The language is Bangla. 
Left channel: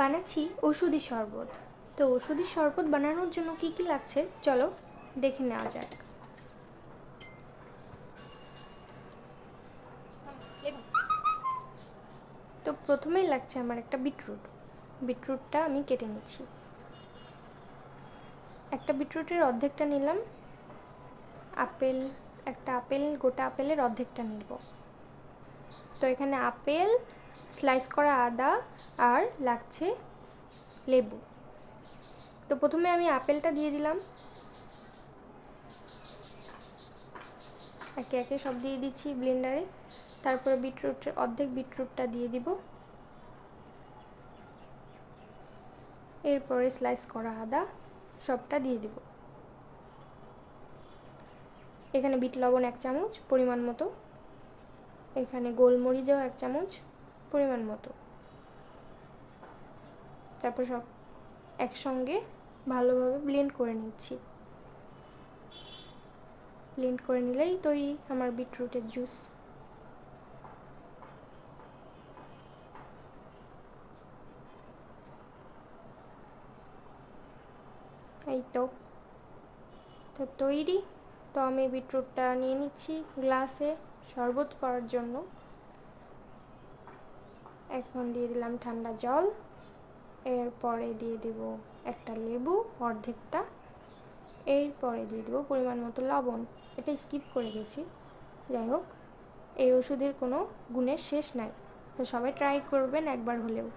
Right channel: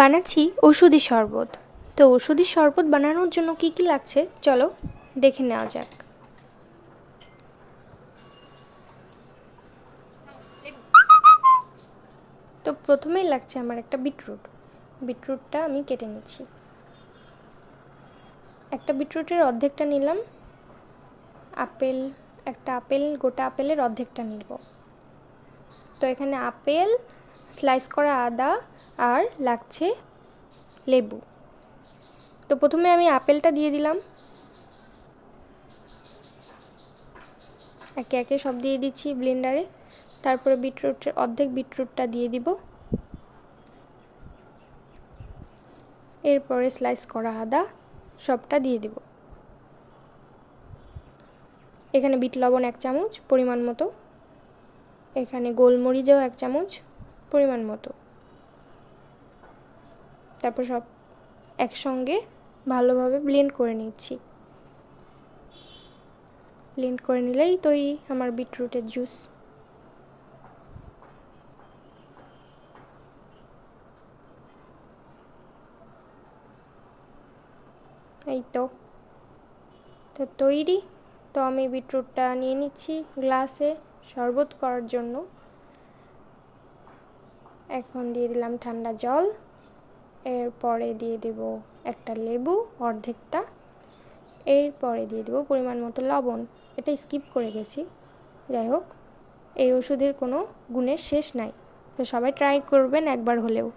বানাচ্ছি ওষুধি শরবত। তো ওষুধি শরবত বানানোর জন্য কি কি লাগছে চলো দেখে নেওয়া যাক। তো প্রথমেই লাগছে আমার একটা বিটরুটটা আমি কেটে নিচ্ছি। একটা বিটরুটের অর্ধেকটা নিলাম। গোটা আপেলের অর্ধেকটা নিব। তো এখানে আপেল, স্লাইস করা আদা আর লাগছে লেবু। তো প্রথমে আমি আপেলটা দিয়ে দিলাম, একে একে সব দিয়ে দিচ্ছি ব্লেন্ডারে। তারপরে অর্ধেক বিটরুটটা দিয়ে দিব। এরপরে স্লাইস করা আদা সবটা দিয়ে দিব। এখানে বিট লবণ 1 চামচ পরিমাণ মতো, এখানে গোলমরিচও 1 চামচ পরিমাণ মতো। তারপর সব একসঙ্গে ভালোভাবে ব্লেন্ড করে নিচ্ছি। ব্লেন্ড করে নিলেই তৈরি আমার বিটরুটের জুস। এই তো তৈরি। তো আমি বিটরুটটা নিয়ে নিচ্ছি গ্লাসে শরবত করার জন্য। এখন দিয়ে দিলাম ঠান্ডা জল, এরপরে দিয়ে দেব একটা লেবু অর্ধেকটা, এরপরে দিয়ে দেবো পরিমাণ মতো লবণ। এটা স্কিপ করে গেছি, যাই হোক এই ওষুধের কোনো গুণের শেষ নাই। তো সবাই ট্রাই করবেন একবার হলেও।